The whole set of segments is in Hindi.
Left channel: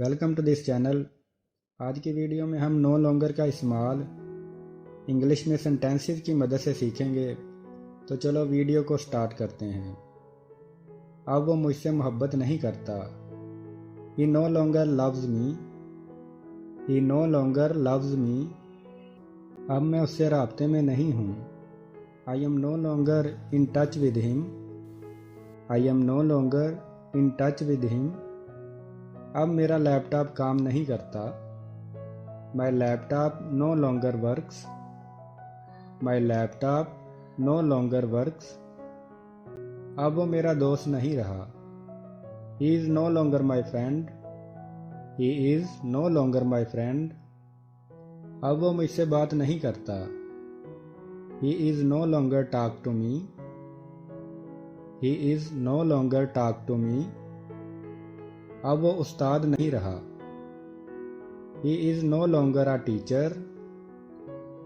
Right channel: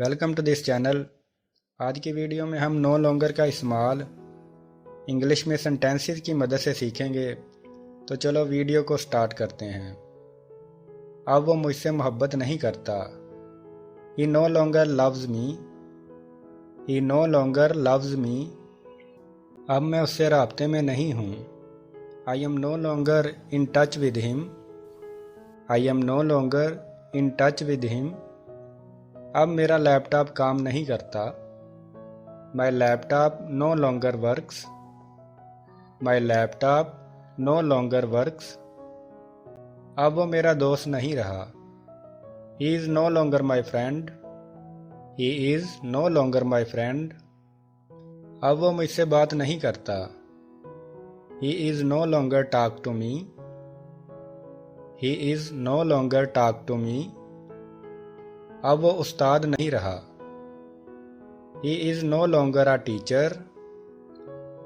Welcome to this channel. आज की वीडियो में हम नो लॉन्गर का इस्तेमाल इंग्लिश में सेंटेंसेस की मदद से सीखेंगे। तो चलो वीडियो को स्टार्ट करते हैं। अब वो मुझसे मोहब्बत नहीं करता। He no longer loves me. He no longer loves me. अब मैं उससे राब्ते में नहीं हूँ। I am no longer in touch with him. I am no longer in touch with him. अब मेरा लैपटॉप काम नहीं करता। My laptop no longer works. My laptop no longer works. अब वो मेरा दोस्त नहीं रहा। He is no longer my friend. He is no longer my friend. अब वो मुझसे बात नहीं करता। He is no longer talk to me. He is no longer talk to me. अब वो उस्ताद नहीं रहा। He is no longer a teacher.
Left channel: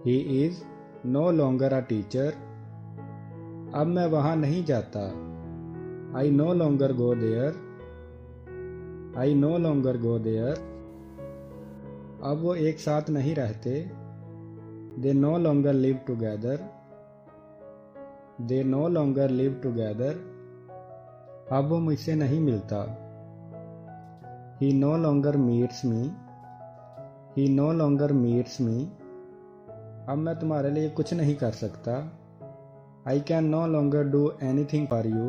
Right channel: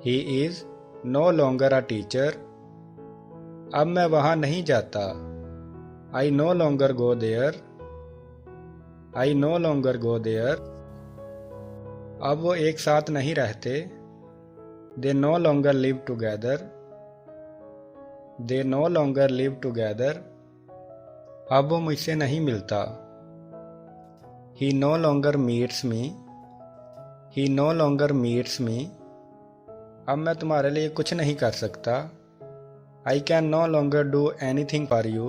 He is no longer a teacher. अब मैं वहाँ नहीं जाता। I no longer go there. I no longer go there. अब वो एक साथ नहीं रहते। They no longer live together. They no longer live together. अब वो मुझसे नहीं मिलता। He no longer meets me. He no longer meets me. अब मैं तुम्हारे लिए कुछ नहीं कर सकता। I can no longer do anything for you.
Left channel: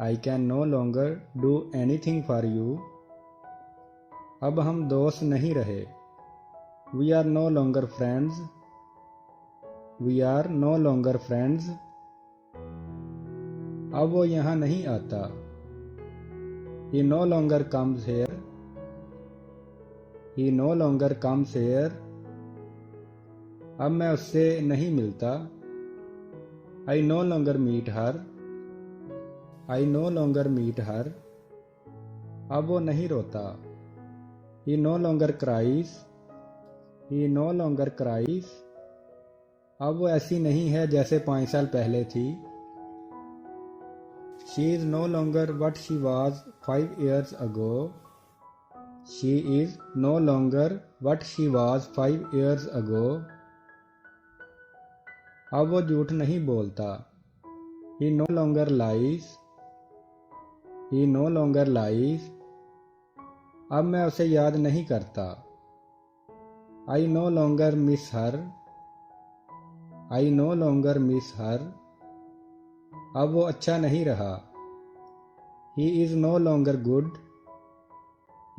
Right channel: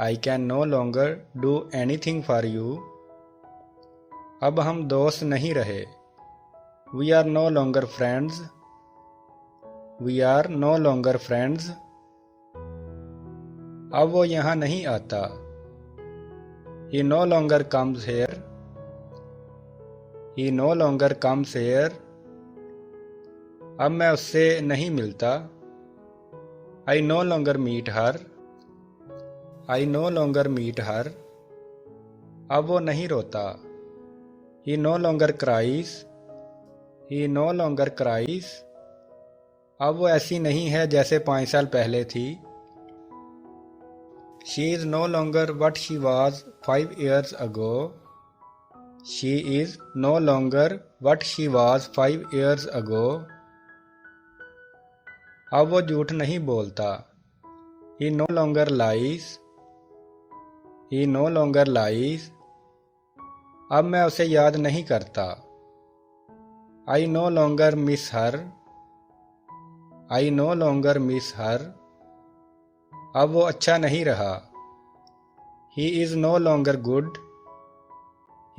I can no longer do anything for you. अब हम दोस्त नहीं रहे। We are no longer friends. We are no longer friends. अब वो यहाँ नहीं आता। He no longer comes here. He no longer comes here. अब मैं उससे नहीं मिलता। I no longer meet her. I no longer meet her. अब वो नहीं रोता। He no longer cries. He no longer cries. अब वो ऐसी नहीं है जैसे 5 साल पहले थी। She is no longer what she was 5 years ago. She is no longer what she was 5 years ago. अब वो झूठ नहीं बोलता। He no longer lies. He no longer lies. अब मैं उसे याद नहीं करता। I no longer miss her. I no longer miss her. अब वो अच्छा नहीं रहा। He is no longer good.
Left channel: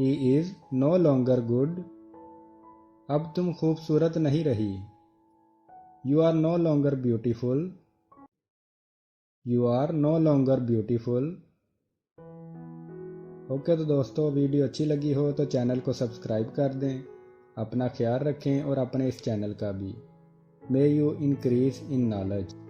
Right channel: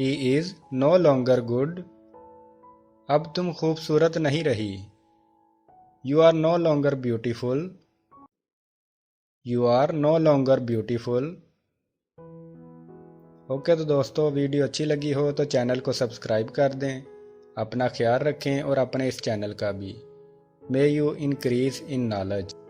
He is no longer good. अब तुम खूबसूरत नहीं रही। You are no longer beautiful. You are no longer beautiful. Okay तो दोस्तों, वीडियो अच्छी लगी हो तो चैनल को सब्सक्राइब कर दें। अपना ख्याल रखें और अपने इस चैनल का भी। May you increase in knowledge.